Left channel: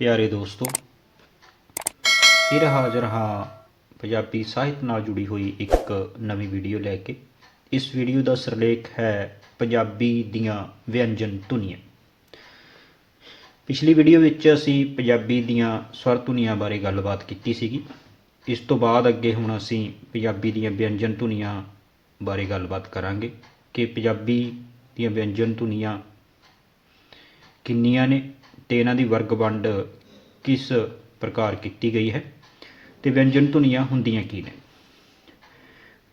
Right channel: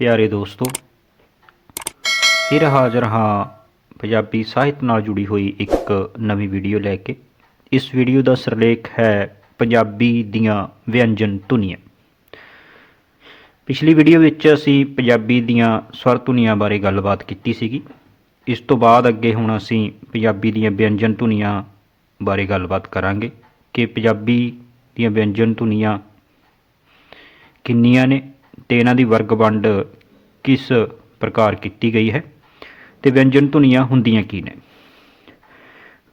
ਪਿਆਰੇ ਦੋਸਤੋ, ਫਿਰ ਹਾਜ਼ਰ ਹਾਂ ਪੰਜਾਬੀ ਸਾਹਿਤ ਨਾਲ ਜੁੜੀ ਹੋਈ ਇੱਕ ਨਵੀਂ ਵੀਡੀਓ ਲੈ ਕੇ। ਇਸ ਵੀਡੀਓ ਦਾ ਸਿਰਲੇਖ ਹੈ ਪੰਜਾਬੀ ਦੀਆਂ ਵਿਅੰਜਨ ਧੁਨੀਆਂ। ਪਿਛਲੀ ਵੀਡੀਓ ਵਿੱਚ ਅਸੀਂ ਪੰਜਾਬੀ ਦੀਆਂ ਸਵਰ ਧੁਨੀਆਂ ਬਾਰੇ ਗੱਲਬਾਤ ਕੀਤੀ ਸੀਗੀ। ਇਸ ਤੋਂ ਬਾਅਦ ਅੱਗੇ ਹੁਣ ਅਸੀਂ ਪੰਜਾਬੀ ਦੀਆਂ ਵਿਅੰਜਨ ਧੁਨੀਆਂ ਬਾਰੇ ਗੱਲਬਾਤ ਕਰਾਂਗੇ ਕਿ ਪੰਜਾਬੀ ਦੀਆਂ ਵਿਅੰਜਨ ਧੁਨੀਆਂ ਕਿੰਨੀਆਂ ਨੇ ਤੇ ਇਹਨਾਂ ਦੀ ਵਰਗ ਵੰਡ ਕਿਸ ਪ੍ਰਕਾਰ ਕੀਤੀ ਗਈ ਹੈ ਤੇ ਵਿਅੰਜਨ ਧੁਨੀਆਂ ਹੁੰਦੀਆਂ ਕੀ ਨੇ?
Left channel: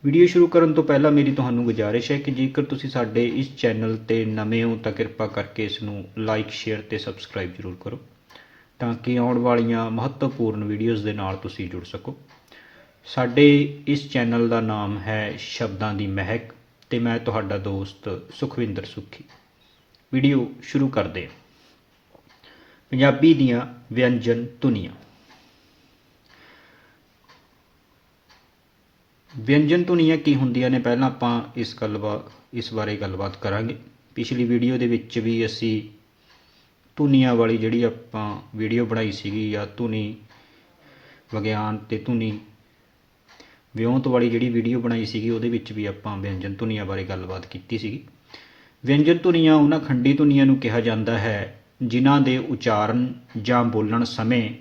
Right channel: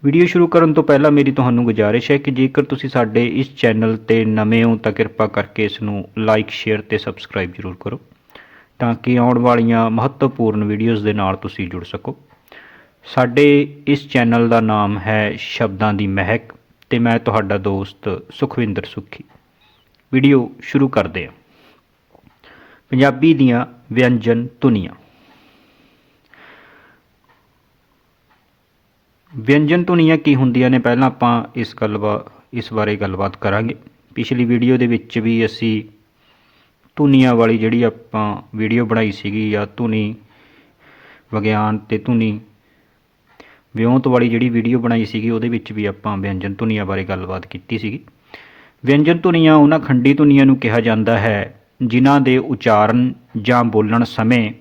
ਵੀਡੀਓ ਸ਼ੁਰੂ ਕਰਨ ਤੋਂ ਪਹਿਲਾਂ ਮੇਰੀ ਤੁਹਾਨੂੰ ਗੁਜ਼ਾਰਿਸ਼ ਹੈ ਕਿ ਜੇਕਰ ਤੁਸੀਂ ਸਾਡੇ ਇਸ ਚੈਨਲ ਤੇ ਨਵੇਂ ਹੋ ਤਾਂ ਕਿਰਪਾ ਕਰਕੇ ਇਸ ਨੂੰ ਲਾਈਕ ਸ਼ੇਅਰ ਤੇ ਸਬਸਕ੍ਰਾਈਬ ਜ਼ਰੂਰ ਕਰੋ ਤਾਂ ਕਿ ਆਉਣ ਵਾਲੀਆਂ ਮਹੱਤਵਪੂਰਨ ਵੀਡੀਓਜ਼ ਦੇ ਨਾਲ ਤੁਸੀਂ ਜੁੜ ਸਕੋ। ਸਾਡੇ ਇਸ ਚੈਨਲ ਦਾ ਨਾਮ ਹੈ ਸ਼ਬਦਾਂ ਦੀ ਮਹਿਕ ਤੇ ਮੈਂ ਤੁਹਾਡਾ ਦੋਸਤ ਸੁਖਵਿੰਦਰ ਸੁਖੀ। ਵੀਡੀਓ ਸ਼ੁਰੂ ਕਰਦੇ ਹਾਂ। ਪੰਜਾਬੀ ਦੀਆਂ ਵਿਅੰਜਨ ਧੁਨੀਆਂ। ਵਿਅੰਜਨ ਧੁਨੀਆਂ ਕੀ ਹੁੰਦੀਆਂ ਨੇ? ਪਹਿਲਾਂ ਆਪਾਂ ਇਸ ਗੱਲਬਾ, ਇਸ ਬਾਰੇ ਗੱਲਬਾਤ ਕਰਾਂਗੇ। ਪਿਛਲੀ ਵੀਡੀਓ ਦੇ ਵਿੱਚ ਵੀ ਅਸੀਂ ਧੁਨੀਆਂ ਵਾਲੀ ਜਿਹੜੀ ਆਪਾਂ ਵੀਡੀਓ ਬਣਾਈ ਸੀਗੀ, ਜਾਂ ਧੁਨੀ ਵਿਗਿਆਨ ਤੇ ਧੁਨੀ ਵਿਉਂਤ ਵਾਲੀ ਜਿਹੜੀ ਵੀਡੀਓ ਬਣਾਈ ਸੀਗੀ, ਉਹਦੇ ਵਿੱਚ ਵੀ ਆਪਾਂ ਵਿਅੰਜਨ ਧੁਨੀਆਂ ਬਾਰੇ ਗੱਲਬਾਤ ਕੀਤੀ ਸੀਗੀ। ਵਿਅੰਜਨ ਧੁਨੀਆਂ ਉਹਨਾਂ ਖੰਡੀ ਧੁਨੀਆਂ ਨੂੰ ਕਿਹਾ ਜਾਂਦਾ ਹੈ ਜਿਨ੍ਹਾਂ ਦੇ ਉਚਾਰਨ ਜਾਂ ਬੋਲਣ ਸਮੇਂ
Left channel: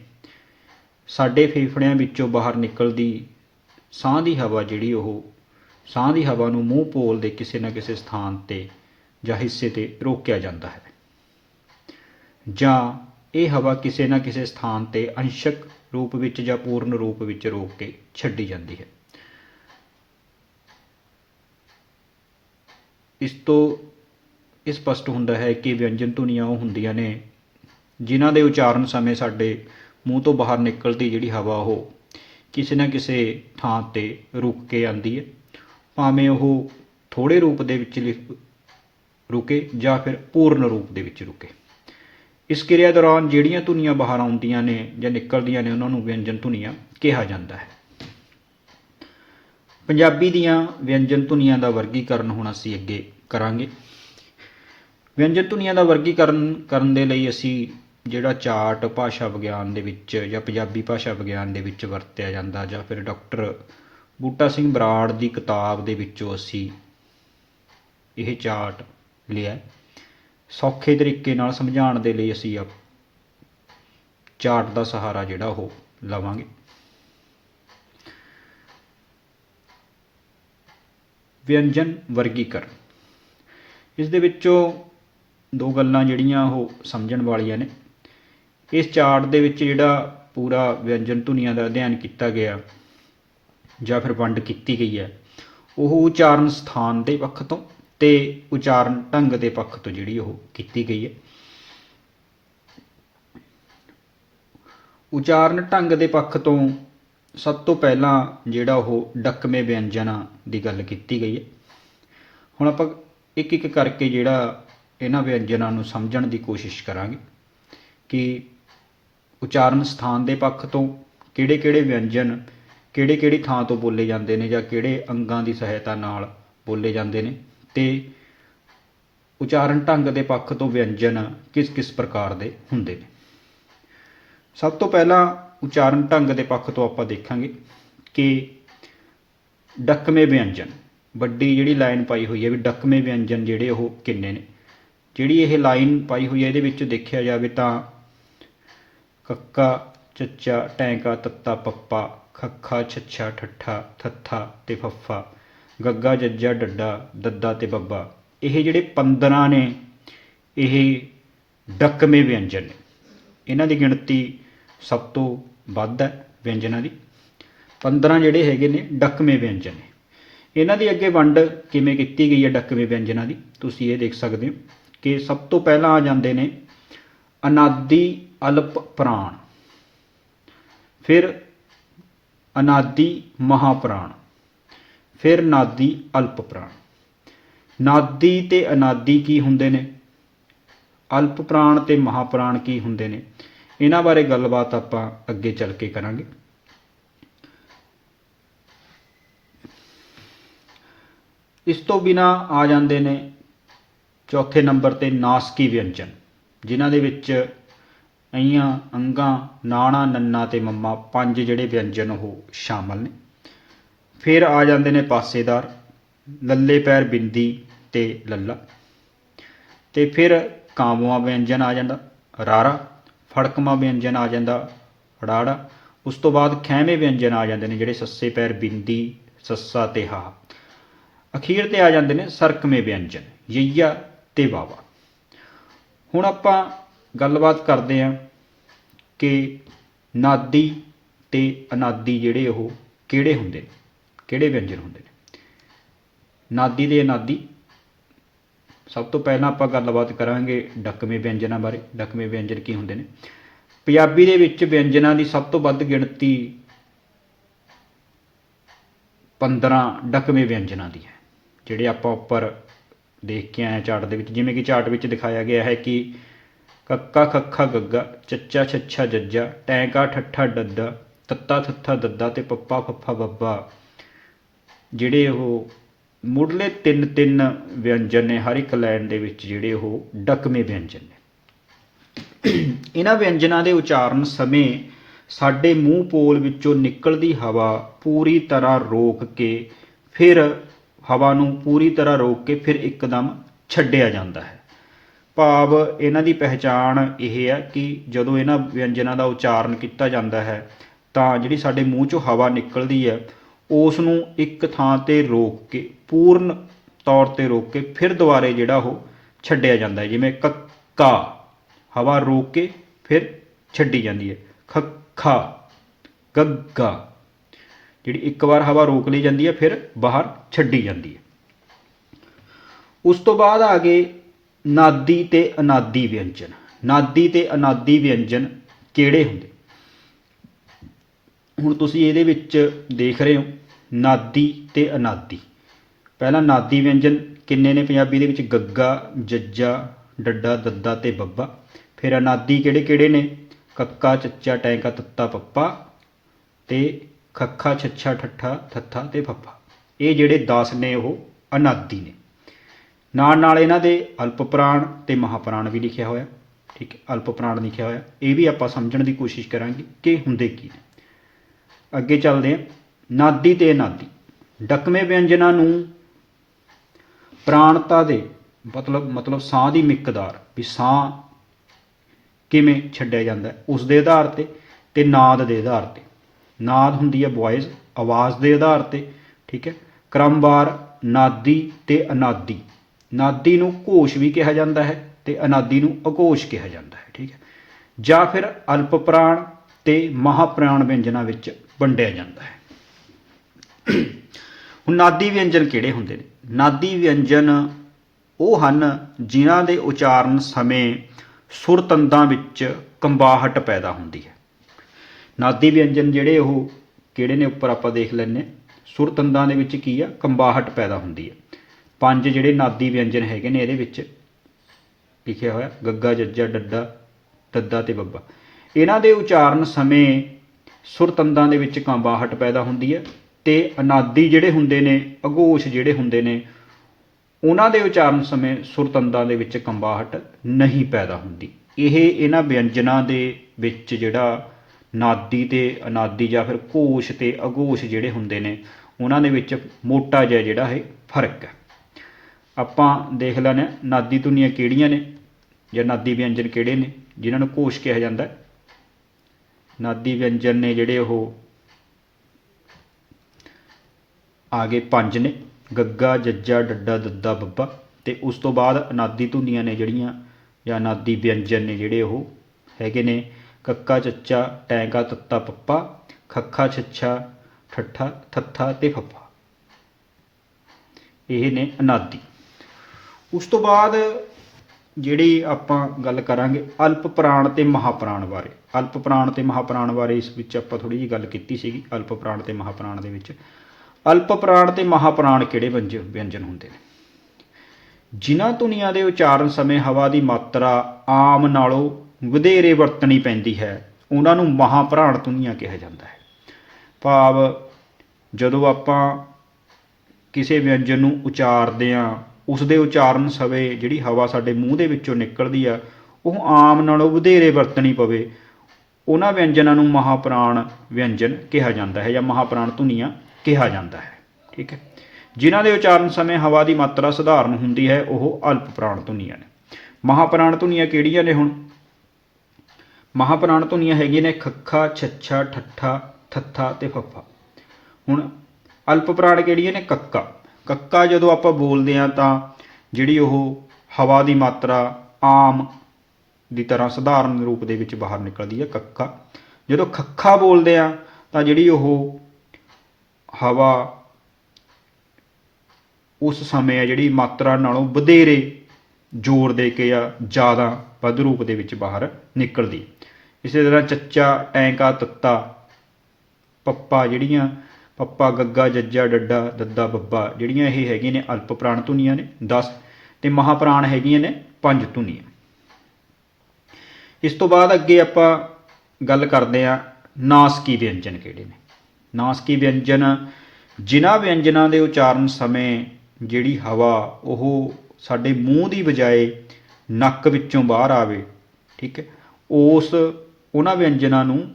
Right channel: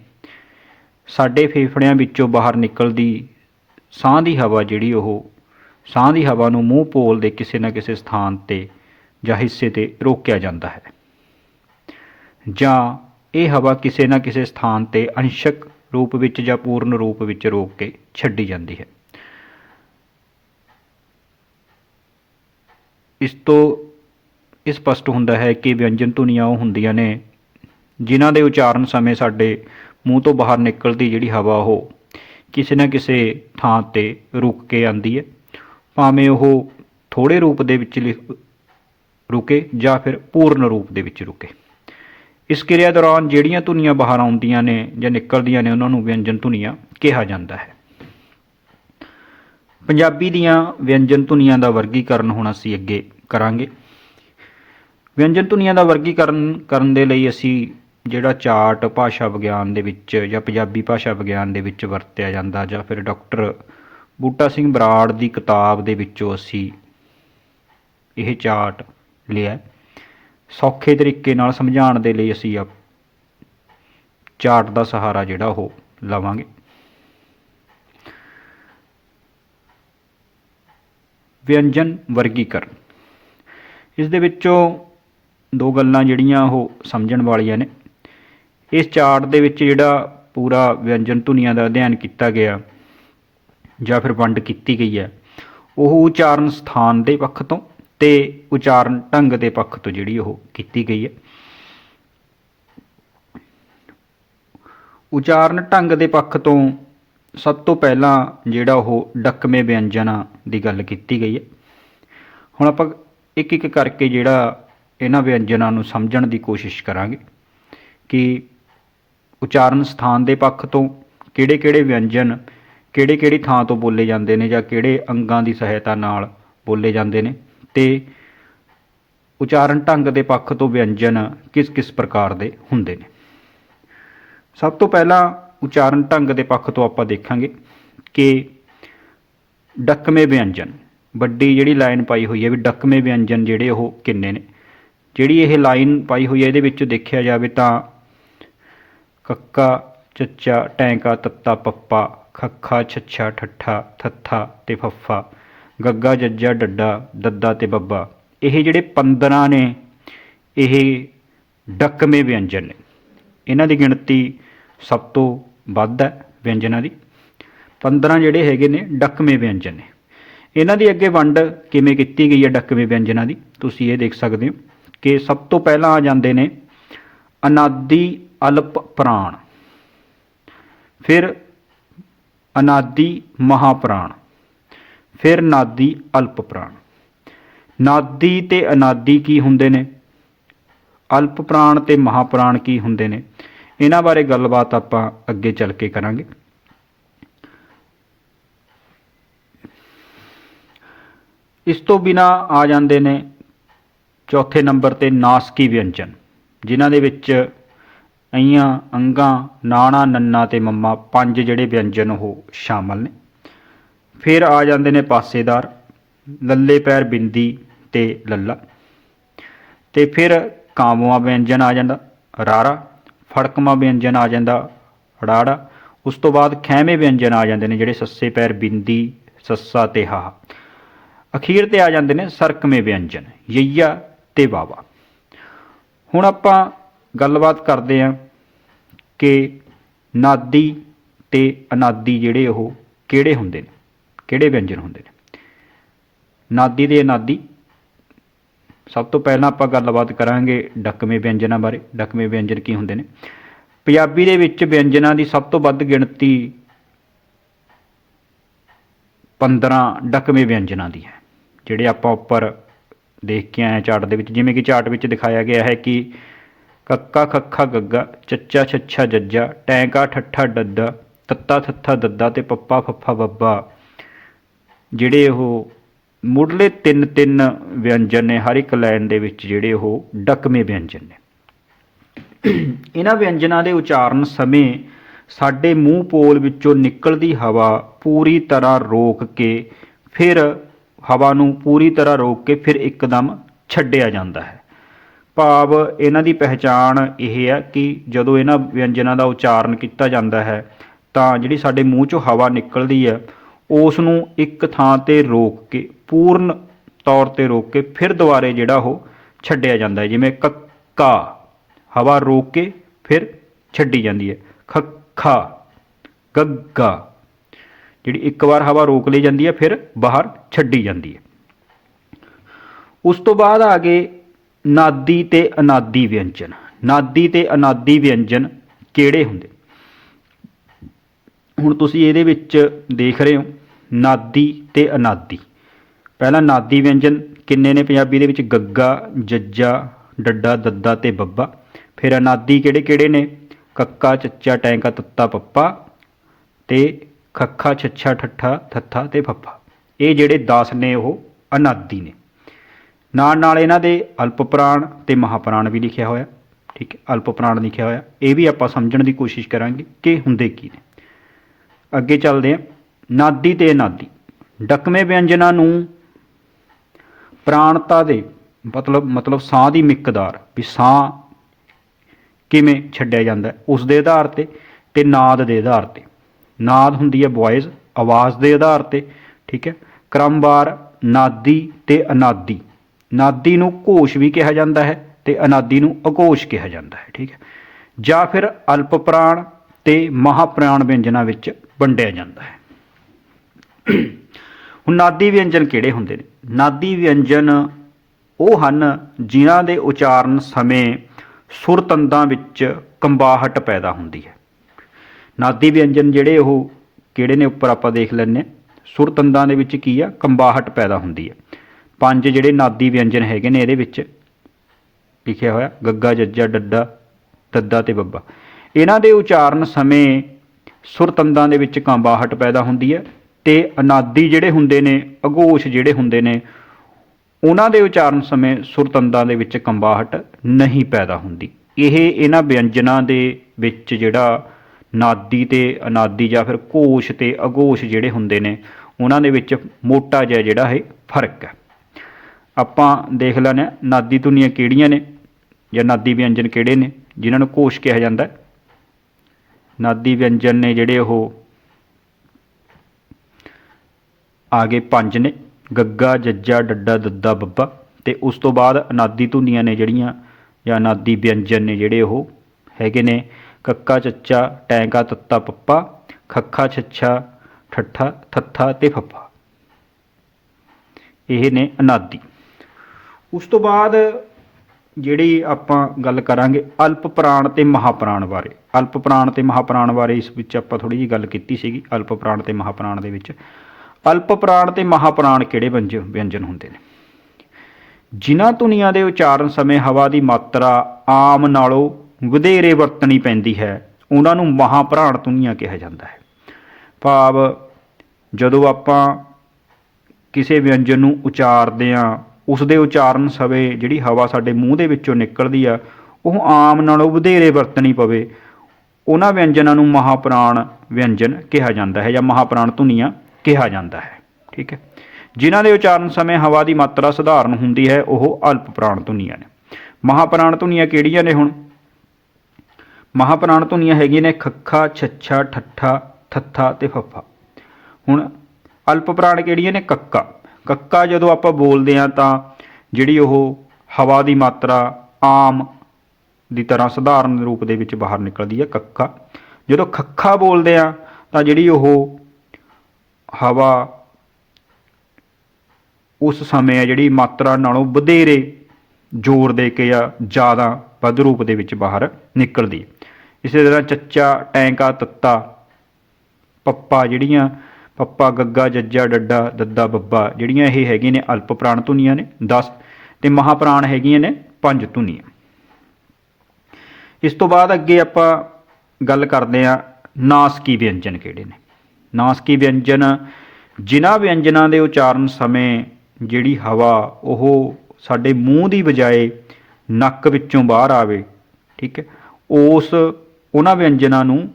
ਸਾਡੇ ਫੇਫੜਿਆਂ ਵਿੱਚੋਂ ਬਾਹਰ ਨਿਕਲਦੀ ਸਾਹ ਦੀ ਹਵਾ ਜਿਹੜੀ ਉਹ, ਸਾਹ ਦੀ ਹਵਾ ਨੂੰ ਮੂੰਹ ਪੋਲ ਦੇ ਕਿਸੇ ਨਾ ਕਿਸੇ ਸਥਾਨ ਤੇ ਜਾਂ ਹਿੱਸੇ ਤੇ ਰੋਕਿਆ ਜਾਂਦਾ ਹੈ। ਜਾਂ ਇਹ ਹਵਾ ਕਿਸੇ ਨਾ ਕਿਸੇ ਸਥਾਨ ਤੇ ਅੰਸ਼ਕ ਰੂਪ ਵਿੱਚ ਜਾਂ ਪੂਰਨ ਰੂਪ ਵਿੱਚ ਰੋਕ ਕੇ ਛੱਡੀ ਜਾਂਦੀ ਹੈ। ਇਸ ਤੋਂ ਇਹ ਸਪਸ਼ਟ ਹੁੰਦਾ ਹੈ ਕਿ ਵਿਅੰਜਨ ਧੁਨੀਆਂ ਉਹ ਹੁੰਦੀਆਂ ਨੇ, ਜਿਨ੍ਹਾਂ ਦੇ ਉਚਾਰਨ ਸਮੇਂ ਸਾਡੇ ਮੂੰਹ ਤੋਂ ਬਾਹਰ ਨਿਕਲਦੀ ਜਿਹੜੀ ਹਵਾ ਉਹ ਕਿਸੇ ਨਾ ਕਿਸੇ ਥਾਂ ਤੇ ਰੁਕ ਕੇ ਆਂਦੀ ਹੈ। ਭਾਵੇਂ ਉਹ ਥੋੜੇ ਰੂਪ ਦੇ ਵਿੱਚ ਲਿ- ਰੁਕੇ ਜਾਂ ਫਿਰ ਪੂਰਨ ਰੂਪ ਦੇ ਵਿੱਚ ਰੁਕੇ। ਇਸ ਕਿਰਿਆ ਦੌਰਾਨ ਜਿਹੜੀਆਂ ਧੁਨੀਆਂ ਬਾਹਰ ਆਉਂਦੀਆਂ ਨੇ ਜਾਂ ਨਿਕਲਦੀਆਂ ਨੇ, ਉਹਨਾਂ ਨੂੰ ਵਿਅੰਜਨ ਧੁਨੀਆਂ ਕਿਹਾ ਜਾਂਦਾ ਹੈ। ਪੰਜਾਬੀ ਦੀਆਂ ਵਿਅੰਜਨ ਧੁਨੀਆਂ ਦਾ ਵਰਗੀਕਰਨ ਹੁਣ ਅਸੀਂ ਅੱਗੇ ਕਰਾਂਗੇ। ਵਿਅੰਜਨ ਧੁਨੀਆਂ ਦਾ ਵਰਗੀਕਰਨ ਕਰਨ ਦੇ ਲਈ ਅਸੀਂ ਜਿਹੜਾ ਚਾਰਟ ਭਾਸ਼ਾ ਵਿਗਿਆਨ ਦੇ ਵਿੱਚ ਜਾਂ ਪੰਜਾਬੀ ਭਾਸ਼ਾ ਵਿਗਿਆਨ ਦੇ ਵਿੱਚ ਵਰਤਿਆ ਜਾਂਦਾ ਜਾਂ ਫਿਰ ਡਾਕਟਰ ਬੂਟਾ ਸਿੰਘ ਬਰਾੜ ਦੀ ਕਿਤਾਬ ਦੇ ਵਿੱਚੋਂ ਅਸੀਂ ਇਹ ਚਾਰਟ ਲਿਆ। ਸੌਖੇ ਤਰੀਕੇ ਨਾਲ ਸਮਝਾਉਣ ਦੇ ਲਈ ਅਸੀਂ ਆ ਚਾਰਟ ਦਾ ਸਹਾਰਾ ਜਿਹੜਾ ਉਹ ਲਵਾਂਗੇ। ਵਿਅੰਜਨ ਵਰਗੀਕਰਨ। ਇਸ ਦੇ ਵਿੱਚੋਂ ਦੋ ਗੱਲਾਂ ਜਿਹੜੀਆਂ ਉਹ ਸਮਝਣ ਵਾਲੀਆਂ ਨੇ। ਇਸ ਚਾਰਟ ਦੇ ਵਿੱਚ ਜਿਹੜਾ ਪੂਰਾ ਵਿਅੰਜਨ ਧੁਨੀਆਂ ਦਾ ਅਧਿਐਨ ਕੀਤਾ ਗਿਆ ਜਾਂ ਫਿਰ ਵੰਡ ਕੀਤੀ ਗਈ ਹੈ, ਉਹ ਉਚਾਰਨ ਸਥਾਨ ਦੇ ਪੱਖ ਤੋਂ ਤੇ ਉਚਾਰਨ ਢੰਗ ਦੇ ਪੱਖ ਤੋਂ ਜਿਹੜੀ ਉਹ ਕੀਤੀ ਗਈ ਹੈ। ਉਚਾਰਨ ਢੰਗ ਦੇ ਪੱਖ ਤੋਂ ਸਭ ਤੋਂ ਪਹਿਲਾਂ ਜਿਹੜਾ ਉਹ ਡੱਕਵੇਂ ਵਿਅੰਜਨਾਂ ਦੀ ਗੱਲ ਕੀਤੀ ਗਈ ਹੈ। ਹੁਣ ਆਪਾਂ ਇੱਕ ਇੱਕ ਕਰਕੇ ਜਿਹੜਾ ਇਹਨਾਂ ਵਿਅੰਜਨਾਂ ਨੂੰ ਸਮਝਣ ਦੀ ਕੋਸ਼ਿਸ਼ ਕਰਾਂਗੇ ਕਿ ਉਚਾਰਨ ਸਥਾਨ ਦੇ ਪੱਖ ਤੋਂ ਕਿਹੜੇ-ਕਿਹੜੇ ਵਿਅੰਜਨ ਕਿਹੜੇ-ਕਿਹੜੀ ਥਾਂ ਤੋਂ ਬੋਲੇ ਜਾਂਦੇ ਨੇ ਜਾਂ ਕਿਹੜੇ ਅੰਗਾਂ ਦੀ ਸਹਾਇਤਾ ਨਾਲ ਬੋਲੇ ਜਾਂਦੇ ਨੇ ਤੇ ਉਚਾਰਨ ਢੰਗ ਦੇ ਪੱਖ ਤੋਂ ਵਿਅੰਜਨ ਕਿਸ-ਕਿਸ ਪ੍ਰਕਾਰ ਦੇ ਹੁੰਦੇ ਨੇ। ਸਭ ਤੋਂ ਪਹਿਲਾਂ ਉਚਾਰਨ ਢੰਗ ਦੇ ਪੱਖ ਤੋਂ ਆਪਾਂ ਦੇਖਾਂਗੇ ਕਿ ਡੱਕਵੇਂ ਵਿਅੰਜਨ, ਵੱਡੀ ਜਿਹੜੀ ਲਾਈਨ ਪਾਈ ਹੋਈ ਹੈ ਵੀ ਡੱਕਵੇਂ ਵਿਅੰਜਨ ਜਿਹੜੇ ਉਹ ਕਿੰਨੇ ਨੇ। ਜਿਹੜੀ ਇਹ ਲਾਈਨ ਪਾਈ ਹੋਈ ਹੈ, ਇਹਦੇ ਵਿੱਚ ਦੇਖਿਆ ਜਾਵੇ ਤਾਂ ਕੱਕਾ, ਚੱਚਾ, ਟੈਂਕਾ, ਤੱਤਾ, ਪੱਪਾ, ਖੱਖਾ, ਛੱਛਾ, ਠੱਠਾ, ਥੱਥਾ ਤੇ ਫੱਫਾ, ਗੱਗਾ, ਜੱਜਾ, ਡੱਡਾ, ਦੱਦਾ ਤੇ ਬੱਬਾ। ਇਹ ਜਿਹੜੇ 15 ਨੇ, ਇਹ ਡੱਕਵੇਂ ਵਿਅੰਜਨ ਨੇ। ਇਹਨਾਂ ਦੀ ਗਿਣਤੀ ਸਭ ਤੋਂ ਵੱਧ ਹੈ ਵਿਅੰਜਨਾਂ ਦੀ। 15 ਜਿਹੜੇ ਹੈਗੇ ਨੇ, ਡੱਕਵੇਂ ਵਿਅੰਜਨ ਨੇ। ਇਹਨਾਂ ਦੀ ਅੱਗੇ ਵੰਡ ਕਿਵੇਂ ਕੀਤੀ ਗਈ ਹੈ ਡੱਕਵੇਂ ਵਿਅੰਜਨਾਂ ਦੀ? ਤੁਸੀਂ ਇਹ ਦੇਖ ਸਕਦੇ ਹੋ। ਕਿ ਸਭ ਤੋਂ ਪਹਿਲਾਂ ਆ ਜਾਂਦੇ ਨੇ ਅਨਾਦੀ ਅਲਪ ਪ੍ਰਾਣ। ਫਿਰ ਅਨਾਦੀ ਮਹਾਪ੍ਰਾਣ। ਫਿਰ ਨਾਦੀ ਅਲਪ ਪ੍ਰਾਣ। ਨਾਦੀ ਤੇ ਅਨਾਦੀ ਕੀ ਹੁੰਦੇ ਨੇ? ਅਲਪ ਪ੍ਰਾਣ ਤੇ ਮਹਾਪ੍ਰਾਣ ਕੀ ਹੁੰਦੇ ਨੇ? ਇਹਨਾਂ ਬਾਰੇ ਗੱਲਬਾਤ ਆਪਾਂ ਅੱਗੇ ਚੱਲ ਕੇ ਕਰਾਂਗੇ। ਇਸ ਤੋਂ ਬਿਨਾ ਆ ਜਾਂਦੇ ਨੇ ਚੌਥੇ ਨੰਬਰ ਤੇ ਨਾਸਕੀ ਵਿਅੰਜਨ, ਜਿਨ੍ਹਾਂ ਦੇ ਵਿੱਚ ਅਈਆਂ, ਅੰਗਾਂ, ਨਾਣਾ, ਨੰਨਾ ਤੇ ਮੰਮਾ ਪੰਜ ਜਿਹੜੇ ਵਿਅੰਜਨ ਉਹ ਸ਼ਾਮਲ ਨੇ। ਫਿਰ ਆ ਜਾਂਦੇ ਨੇ ਪਾਸੇਦਾਰ, ਲੱਲੇ, ਪੈਰ, ਬਿੰਦੀ ਤੇ ਲੱਲਾ। ਤੇ ਫਿਰ ਕਾਮਵਾ ਵਿਅੰਜਨ ਆ ਜਾਂਦਾ, ਰਾਰਾ। ਫੜਕਮਾ ਵਿਅੰਜਨ ਆ ਜਾਂਦਾ, ਰਾੜਾ। ਉਸ ਤੋਂ ਬਾਅਦ ਖੈਵੇਂ ਵਿਅੰਜਨ ਆ ਜਾਂਦੇ ਨੇ ਜਿਹੜੇ ਸੱਸੇ, ਪੈਰ, ਬਿੰਦੀ, ਸੱਸਾ ਤੇ ਹਾ। ਅਖੀਰ ਤੇ ਆ ਜਾਂਦੇ ਨੇ ਸਰਕਮੇ ਵਿਅੰਜਨ, ਯਈਆ ਤੇ ਬਾਵਾ। ਹੁਣ ਆਪਾਂ ਗੱਲਬਾਤ ਕਰਦੇ ਹਾਂ ਕਿ ਨਾਦੀ ਤੇ ਅਨਾਦੀ ਜਿਹੜੇ ਉਹ ਕਿਹੜੇ ਹੁੰਦੇ ਨੇ, ਕਿਹੜੇ ਵਿਅੰਜਨ ਹੁੰਦੇ ਨੇ? ਨਾਦੀ ਤੇ ਅਨਾਦੀ, ਸਭ ਤੋਂ ਪਹਿਲਾਂ ਆਪਾਂ ਗੱਲਬਾਤ ਕਰਾਂਗੇ ਡਕਵੇਂ ਵਿਅੰਜਨਾਂ ਬਾਰੇ। ਡਕਵੇਂ ਵਿਅੰਜਨ ਕੀ ਹੁੰਦੇ ਨੇ? ਪੰਜਾਬੀ ਦੇ ਵਿੱਚ ਵਿਅੰਜਨਾਂ ਦੀ ਸਭ ਤੋਂ ਵੱਧ ਗਿਣਤੀ 15 ਡਕਵੇਂ ਵਿਅੰਜਨਾਂ ਦੀ ਹੈ, ਜਿਹੜੇ ਆਪਾਂ ਉੱਪਰ ਦੇਖ ਕੇ ਆਇਆ ਚਾਰਟ ਦੇ ਵਿੱਚ, ਜਿਵੇਂ ਕਿ ਚਾਰਟ ਵਿੱਚ ਦਿਖਾਇਆ ਗਿਆ ਹੈ ਕਿ ਕੱਕਾ ਖੱਖਾ ਗੱਗਾ, ਚੱਚਾ ਛੱਛਾ ਜੱਜਾ, ਟੈਂਕਾ ਠੱਠਾ ਡੱਦਾ, ਤੱਤਾ ਥੱਥਾ ਦੱਦਾ ਤੇ ਪੱਪਾ ਫੱਫਾ ਬੱਬਾ। ਜਿਹੜੇ ਉਹ ਮੁੱਢਲੇ ਤਿੰਨ ਤਿੰਨ ਵਿਅੰਜਨ ਨੇ, ਹਰ ਇੱਕ ਲਾਈਨ ਦੇ ਵਿੱਚ ਜਿਹੜੇ ਉਹ ਡਕਵੇਂ ਵਿਅੰਜਨ ਨੇ। ਇਹਨਾਂ ਵਿਅੰਜਨਾਂ ਦੇ ਉਚਾਰਨ ਸਮੇਂ ਸਾਡੇ ਮੂੰਹ ਪੋਲ ਵਿੱਚੋਂ ਨਿਕਲਦੀ ਹਵਾ ਪੂਰੀ ਤਰ੍ਹਾਂ ਰੋਕ ਕੇ ਫਿਰ ਹਵਾ ਨੂੰ ਪੂਰੀ ਤਰ੍ਹਾਂ ਰੋਕ ਕੇ ਫਿਰ ਇੱਕਦਮ ਛੱਡਿਆ ਜਾਂਦਾ ਹੈ। ਭਾਵ ਇਹਨਾਂ ਦੀ ਪਹਿਚਾਣ ਇਹ ਹੈ ਕਿ ਜਦੋਂ ਇਹਨਾਂ ਵਿਅੰਜਨਾਂ ਦਾ ਉਚਾਰਨ ਕੀਤਾ ਜਾਂਦਾ ਹੈ, ਤਾਂ ਜਿਹੜੀ ਸਾਡੇ ਮੂੰਹ ਚੋਂ ਹਵਾ ਨਿਕਲਦੀ ਹੈ ਉਸ ਨੂੰ ਇੱਕ ਥਾਂ ਤੇ ਰੋਕ ਕੇ, ਪੂਰਨ ਤੌਰ ਤੇ ਰੋਕ ਕੇ ਫਿਰ ਦੁਬਾਰੇ ਜਿਹੜਾ ਉਹ ਛੱਡਿਆ ਜਾਂਦਾ ਹੈ। ਜਿਵੇਂ ਕੱਕਾ, ਹਵਾ ਰੋਕ ਕੇ ਫਿਰ ਛੱਡੀ ਜਾਂਦੀ ਹੈ। ਖੱਖਾ, ਗੱਗਾ। ਜਿਹੜੀ ਇੱਕ ਵਾਰ ਹਵਾ ਰੋਕ ਲਈ ਜਾਂਦੀ ਹੈ, ਫਿਰ ਬਾਹਰ ਛੱਡੀ ਜਾਂਦੀ ਹੈ। ਉਸ ਤੋਂ ਬਾਅਦ ਆ ਗਏ ਨਾਦੀ ਤੇ ਅਨਾਦੀ ਵਿਅੰਜਨ। ਨਾਦੀ ਤੇ ਅਨਾਦੀ ਵਿਅੰਜਨ ਕਿਹੜੇ ਹੁੰਦੇ? ਹੁਣ ਤੁਸੀਂ ਇਹਦੇ ਵਿੱਚ ਦੇਖ ਰਹੇ ਹੋ, ਨਾਦੀ ਤੇ ਅਨਾਦੀ। ਪਹਿਲਾਂ ਨਾਦੀ ਵਿਅੰਜਨ ਕਿੰਨੇ ਨੇ ਪੰਜਾਬੀ ਦੇ ਵਿੱਚ? ਗੱਗਾ, ਜੱਜਾ, ਡੱਡਾ, ਦੱਦਾ ਤੇ ਬੱਬਾ। ਫਿਰ ਅਨਾਦੀ ਕਿਹੜੇ ਕਿਹੜੇ ਨੇ? ਕੱਕਾ, ਚੱਚਾ, ਟੈਂਕਾ, ਤੱਤਾ, ਪੱਪਾ ਤੇ ਖੱਖਾ, ਛੱਛਾ, ਠੱਠਾ, ਥੱਥਾ ਤੇ ਫੱਫਾ। ਇਹ ਜਿਹੜੇ 10 ਨੇ, ਉਹ ਅਨਾਦੀ ਨੇ। ਨਾਲ ਨਾਲ ਇਹਨਾਂ ਦੇ ਅਲਪ ਪ੍ਰਾਣ ਤੇ ਮਹਾਪ੍ਰਾਣ ਵੀ ਲਿਖਿਆ ਹੋਇਆ। ਠੀਕ ਹੈ, ਅਲਪ ਪ੍ਰਾਣ ਲਿਖਿਆ ਹੋਇਆ। ਇਹ ਵੀ ਆਪਾਂ ਸਮਝਣ ਦੀ ਕੋਸ਼ਿਸ਼ ਕਰਾਂਗੇ ਕਿ ਹੁੰਦੇ ਕੀ ਨੇ। ਅੱਗੇ ਚੱਲਦੇ ਹਾਂ। ਨਾਦੀ ਤੇ ਅਨਾਦੀ। ਡਕਵੇਂ ਵਿਅੰਜਨਾਂ ਨੂੰ ਪ੍ਰਾਣਤਾ ਦੇ ਮਤਲਬ ਮਤਲਬ ਸਾਹ ਦੀ ਮਿਕਦਾਰ, ਵੀ ਸਾਹ ਕਿਵੇਂ ਛੱਡਿਆ ਜਾਂਦਾ ਉਸ ਦੇ ਆਧਾਰ ਤੇ ਤੇ ਨਾਦ ਦੇ ਆਧਾਰ ਤੇ। ਨਾਦ ਹੁੰਦੀ ਹੈ ਵੌਇਸ ਆਵਾਜ਼ ਦੇ ਆਧਾਰ ਤੇ, ਠੀਕ ਹੈ? ਕ੍ਰਮਵਾਰ, ਨਾਦੀ ਤੇ ਅਨਾਦੀ। ਨਾਦੀ ਨੂੰ ਘੋਸ਼ ਵੀ ਕਿਹਾ ਜਾਂਦਾ ਹੈ ਤੇ ਅਨਾਦੀ ਨੂੰ ਅਘੋਸ਼ ਕਿਹਾ ਜਾਂਦਾ ਹੈ, ਠੀਕ ਹੈ? ਜਾਂ ਫਿਰ ਅਲਪ ਪ੍ਰਾਣ ਤੇ ਮਹਾਪ੍ਰਾਣ ਵਿਅੰਜਨਾਂ ਵਿੱਚ ਵੰਡਿਆ ਜਾਂਦਾ ਹੈ। ਹੁਣ ਨਾਦੀ ਵਿਅੰਜਨ ਕਿਹੜੇ ਹੁੰਦੇ ਨੇ? ਨਾਦੀ ਵਿਅੰਜਨ ਉਹ ਹਨ ਜਿਨ੍ਹਾਂ ਦੇ ਉਚਾਰਨ ਸਮੇਂ ਸੁਰ ਤੰਦਾਂ ਵਿੱਚ ਕੰਬਾਹਟ ਪੈਦਾ ਹੁੰਦੀ ਹੈ। ਨਾਦੀ ਵਿਅੰਜਨ ਜਿਹੜੇ ਉਹ ਕਿਹੜੇ ਨੇ ਉੱਪਰ ਆਪਾਂ ਦੇਖ ਲੈਂਦੇ ਹਾਂ। ਸੁਰ ਤੰਦਾਂ ਦੇ ਵਿੱਚ ਕੀ ਆ? ਕੰਬਾਹਟ ਪੈਦਾ ਹੁੰਦੀ ਹੈ। ਪੰਜ ਜਿਹੜੇ ਨਾਦੀ ਵਿਅੰਜਨ ਹੈਗੇ ਨੇ ਇਹਦੇ ਵਿੱਚ ਲਿਖਿਆ ਹੋਇਆ, ਗੱਗਾ, ਜੱਜਾ, ਡੱਡਾ ਦੱਦਾ ਤੇ ਬੱਬਾ। ਇਹਨਾਂ ਦੇ ਉਚਾਰਨ ਸਮੇਂ ਸੁਰ ਤੰਦਾਂ ਦੇ ਵਿੱਚ ਕੰਬਾਹਟ ਪੈਦਾ ਹੁੰਦੀ ਹੈ ਤੇ ਅਨਾਦੀ ਜਿਹੜੇ ਹੁੰਦੇ ਨੇ, ਅਗੋਸ਼ ਜਿਹੜੇ ਹੁੰਦੇ ਨੇ, ਉਹਨਾਂ ਦੇ ਉਚਾਰਨ ਸਮੇਂ ਸੁਰ ਤੰਦਾਂ ਦੇ ਵਿੱਚ ਕੰਬਾਹਟ ਨਹੀਂ ਪੈਦਾ ਹੁੰਦੀ। ਇਹ ਇਹਨਾਂ ਵਿਅੰਜਨਾਂ ਦੇ ਵਿੱਚ ਜਿਹੜਾ ਨਾਦੀ ਤੇ ਅਨਾਦੀ ਜਾਂ ਫਿਰ ਘੋਸ਼ ਤੇ ਅਘੋਸ਼ ਜਿਹੜੇ ਹੁੰਦੇ ਨੇ, ਉਹਨਾਂ ਦੇ ਵਿੱਚ ਮੋਟਾ ਜਿਹਾ ਜਿਹੜਾ ਹੈ ਫ਼ਰਕ ਹੈ। ਆਪਾਂ ਦੇਖ ਲੈਂਦੇ ਹਾਂ, ਨਾਦੀ ਧੁਨੀਆਂ ਕਿਹੜੀਆਂ ਨੇ ਜਾਂ ਨਾਦੀ ਵਿਅੰਜਨ ਕਿਹੜੇ ਨੇ, ਜਿਨ੍ਹਾਂ ਨੂੰ ਘੋਸ਼ ਕਿਹਾ ਜਾਂਦਾ ਹੈ। ਨਾਦੀ ਵਿਅੰਜਨ ਨੇ ਜਿਹੜੇ ਉਹ ਆਗੇ ਪੰਜ ਨੇ, ਗੱਗਾ, ਜੱਜਾ, ਡੱਡਾ ਦੱਦਾ ਬੱਬਾ ਤੇ ਉਸ ਤੋਂ ਬਾਅਦ ਅਨਾਦੀ ਧੁਨੀਆਂ ਨੇ ਜਿਹੜੀਆਂ ਜਾਂ ਅਨਾਦੀ ਵਿਅੰਜਨ ਨੇ ਜਿਹੜੇ ਉਹ ਹੈਗੇ ਨੇ। ਕੱਕਾ ਚੱਚਾ, ਟੈਂਕਾ ਤੱਤਾ ਪੱਪਾ, ਖੱਖਾ ਛੱਛਾ, ਠੱਠਾ, ਥੱਥਾ ਤੇ ਫੱਫਾ। ਇਹ ਨੇ ਅਨਾਦੀ। ਉਸ ਤੋਂ ਬਾਅਦ ਜਿਹੜੀ ਆਪਾਂ ਗੱਲ ਕਰਾਂਗੇ ਅਲਪ ਪ੍ਰਾਣ ਤੇ ਮਹਾਪ੍ਰਾਣ ਬਾਰੇ। ਅਲਪ ਪ੍ਰਾਣ ਤੇ ਮਹਾਪ੍ਰਾਣ ਬਾਰੇ ਇਸ ਵਿੱਚ ਆਪਾਂ ਥੋੜੀ ਜਿਹੀ ਗੱਲ ਕੀਤੀ ਸੀਗੀ, ਅਲਪ ਪ੍ਰਾਣ ਤੇ ਮਹਾਪ੍ਰਾਣ ਦੇ ਵਿੱਚ। ਅਲਪ ਪ੍ਰਾਣ ਤੇ ਮਹਾਪ੍ਰਾਣ ਕਿਹੜੇ ਵਿਅੰਜ- ਵਿਅੰਜਨ ਹੁੰਦੇ ਨੇ? ਜਿਨ੍ਹਾਂ ਧੁਨੀਆਂ ਦੇ ਉਚਾਰਨ ਸਮੇਂ ਹਵਾ ਦੀ ਮਾਤਰਾ ਆਮ ਨਾਲੋਂ ਵਧੇਰੇ ਵਰਤਣੀ ਪੈਂਦੀ ਹੈ। ਉਹਨਾਂ ਨੂੰ ਮਹਾਪ੍ਰਾਣ ਧੁਨੀਆਂ ਕਿਹਾ ਜਾਂਦਾ ਹੈ। ਭਾਵ ਜਦੋਂ ਆਪਾਂ ਕਿਸੇ ਵਿਅੰਜਨ ਨੂੰ ਉਚਾਰਦੇ ਆ ਉਸ ਦੇ ਉਚਾਰਨ ਸਮੇਂ ਜਿਹੜੀ ਹਵਾ ਸਾਡੇ ਮੂੰਹ ਦੇ ਵਿੱਚੋਂ ਨਿਕਲਦੀ ਆ, ਉਹ ਆਮ ਨਾਲੋਂ ਵਧੇਰੇ ਵਰਤਣੀ ਪਵੇ। ਉਹਨਾਂ ਵਿਅੰਜਨਾਂ ਨੂੰ ਮਹਾਪ੍ਰਾਣ ਵਿਅੰਜਨ ਕਿਹਾ ਜਾਂਦਾ ਹੈ ਜਾਂ ਮਹਾਪ੍ਰਾਣ ਧੁਨੀਆਂ ਕਿਹਾ ਜਾਂਦਾ ਹੈ। ਠੀਕ ਹੈ। ਜਿਨ੍ਹਾਂ ਦੇ ਉਚਾਰਨ ਸਮੇਂ ਹਵਾ ਦੀ ਮਾਤਰਾ ਸਧਾਰਨ ਹੁੰਦੀ ਹੈ, ਉਹ ਅਲਪ ਪ੍ਰਾਣ ਧੁਨੀਆਂ ਨੇ। ਮਹਾਪ੍ਰਾਣ ਧੁਨੀਆਂ ਕਿਹੜੀਆਂ ਨੇ ਹੁਣ? ਮਹਾਪ੍ਰਾਣ ਧੁਨੀਆਂ ਹੈਗੀਆਂ ਨੇ ਖੱਖਾ, ਛੱਛਾ, ਠੱਠਾ, ਥੱਥਾ ਤੇ ਫੱਫਾ। ਹੁਣ ਅਲਪ ਪ੍ਰਾਣ ਕਿਹੜੀਆਂ ਨੇ? ਕੱਕਾ। ਕੱਕਾ ਜਦੋਂ ਆਪਾਂ ਬੋਲਦੇ ਆ ਤਾਂ ਜਿਹੜੀ ਉਹ ਹਵਾ ਦੀ ਮਾਤਰਾ ਆਮ ਦੀ ਤਰ੍ਹਾਂ ਸਧਾਰਨ ਰੂਪ ਦੇ ਵਿੱਚ ਬਾਹਰ ਨਿਕਲਦੀ ਹੈ, ਕੱਕਾ। ਜਦੋਂ ਖੱਖਾ ਬੋਲਦੇ ਆ ਤਾਂ ਜਿਹੜੀ ਉਹ ਹਵਾ ਉਸ ਸਮੇਂ ਆ ਜਿਹੜੀ ਮਾਤਰਾ ਨਾਲੋਂ ਵਧੇਰੇ ਜ਼ੋਰ ਦੇ ਕੇ ਆ ਜ਼ਿਆਦਾ ਵੱਧ ਰੂਪ ਦੇ ਵਿੱਚ ਬਾਹਰ ਨਿਕਲਦੀ ਹੈ। ਇਸੇ ਤਰ੍ਹਾਂ ਚੱਚਾ, ਟੈਂਕਾ, ਤੱਤਾ, ਪੱਪਾ ਜਿਹੜੀਆਂ, ਪੱਪਾ, ਗੱਗਾ, ਜੱਜਾ, ਡੱਡਾ, ਦੱਦਾ, ਬੱਬਾ, ਜਿਹੜੀਆਂ ਇਹ ਹੈਗੀਆਂ ਨੇ ਅਲਪ ਪ੍ਰਾਣ ਧੁਨੀਆਂ ਨੇ 10 ਤੇ ਮਹਾਪ੍ਰਾਣ ਹੈਗੀਆਂ ਨੇ ਪੰਜ ਧੁਨੀਆਂ। ਇਸ ਤੋਂ ਬਾਅਦ ਅੱਗੇ ਆਪਾਂ ਗੱਲ ਕਰਦੇ ਆ ਨਾਸਕੀ ਵਿਅੰਜਨ ਕਿਹੜੇ ਨੇ? ਨਾਸਕੀ ਵਿਅੰਜਨ? ਜਿਨ੍ਹਾਂ ਵਿਅੰਜਨਾਂ ਦੇ ਉਚਾਰਨ ਸਮੇਂ ਜਿਹੜੀ ਹਵਾ, ਉਹ ਸਾਡੇ ਮੂੰਹ ਦੀ ਬਜਾਏ ਨੱਕ ਵਿੱਚੋਂ ਬਾਹਰ ਆਵੇ, ਠੀਕ ਹੈ, ਉਸ ਉਹਨਾਂ ਵਿਅੰਜਨਾਂ ਨੂੰ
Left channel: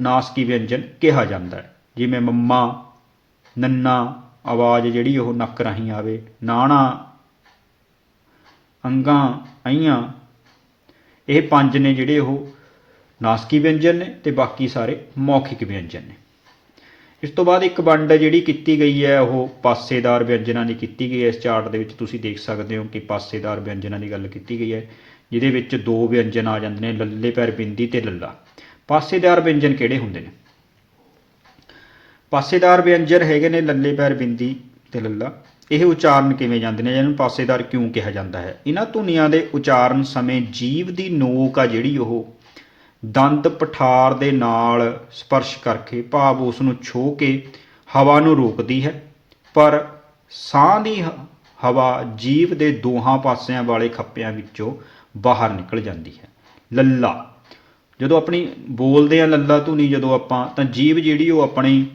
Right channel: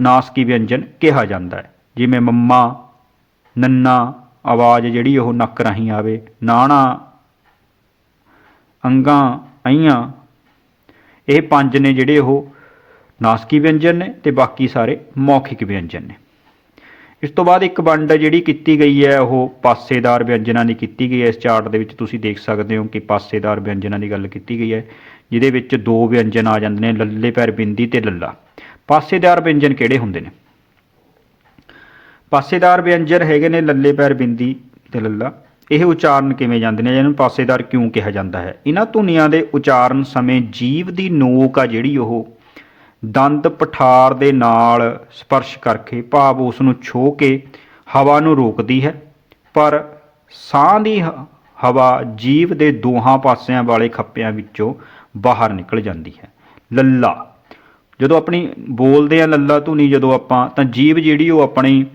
ਨਾਸਕੀ ਵਿਅੰਜਨ ਕਿਹਾ ਜਾਂਦਾ ਹੈ। ਜਿਵੇਂ ਮੰਮਾ, ਨੰਨਾ, ਆਵਾਜ਼ ਜਿਹੜੀ ਉਹ ਨੱਕ ਰਾਹੀਂ ਆਵੇ, ਨਾਣਾ, ਅੰਗਾਂ ਅਈਆਂ ਇਹ ਪੰਜ ਨੇ ਜਿਹੜੇ ਉਹ ਨਾਸਕੀ ਵਿਅੰਜਨ ਨੇ ਤੇ ਬਾਕੀ ਸਾਰੇ ਮੌਖਿਕ ਵਿਅੰਜਨ ਨੇ। ਇਸ ਤੋਂ ਬਾਅਦ ਇੱਕ ਵੰਡ ਜਿਹੜੀ ਕੀਤੀ ਗਈ ਹੈ, ਉਹ ਪਾਸੇਦਾਰ ਵਿਅੰਜਨਾਂ ਦੀ ਕੀਤੀ ਗਈ ਹੈ। ਇਸ ਚਾਰਟ ਦੇ ਵਿੱਚ ਤੁਸੀਂ ਦੇਖ ਸਕਦੇ ਹੋ ਕਿ ਪਾਸੇਦਾਰ ਵਿਅੰਜਨਾਂ ਦੀ ਗੱਲ ਕੀਤੀ ਗਈ ਹੈ, ਜਿਹਦੇ ਵਿੱਚ ਦੋ ਵਿਅੰਜਨ ਆ ਜਾਂਦੇ ਨੇ, ਲੱਲੇ ਪੈਰ ਬਿੰਦੀ ਤੇ ਲੱਲਾ। ਪਾਸੇਦਾਰ ਵਿਅੰਜਨ ਕਿਹੜੇ ਹੁੰਦੇ ਨੇ? ਪਾਸੇਦਾਰ ਵਿਅੰਜਨ ਹੈਗੇ ਨੇ ਲੱਲੇ ਪੈਰ ਬਿੰਦੀ ਤੇ ਲੱਲਾ। ਇਹ ਉਚਾਰਨ ਕਿਵੇਂ ਜਾਂਦੇ ਨੇ? ਇਹਨੂੰ ਪਾਸੇਦਾਰ ਕਿਉਂ ਕਿਹਾ ਜਾਂਦਾ ਹੈ? ਇਹਨਾਂ ਧੁਨੀਆਂ ਦੇ ਉਚਾਰਨ ਸਮੇਂ ਜੀਵ ਦੀ ਨੋਕ ਆ ਜਿਹੜੀ ਉਹ ਦੰਦ ਪਠਾਰ ਦੇ ਨਾਲ ਸਪਰਸ਼ ਕਰਕੇ ਭਾਵ ਉਸ ਨੂੰ ਛੋ ਕੇ ਹਵਾ ਨੂੰ ਰੋਕਦੀ ਹੈ, ਪਰ ਸਾਹ ਦੀ ਹਵਾ ਜੀਵ ਦੇ ਦੋਹਾਂ ਪਾਸਿਆਂ ਵਾਲੇ ਖੱਪਿਆਂ ਵਿੱਚੋਂ ਬਾਹਰ ਨਿਕਲ ਜਾਂਦੀ ਹੈ। ਲੱਲਾ। ਜਦੋਂ ਆਪਣੀ ਬੋਲਦੇ ਆ ਲੱਲਾ ਧੁਨੀ ਜਦੋਂ ਆਪਾਂ, ਤਾਂ ਜੀਵ ਜਿਹੜੀ ਉਹ ਆਪਣੀ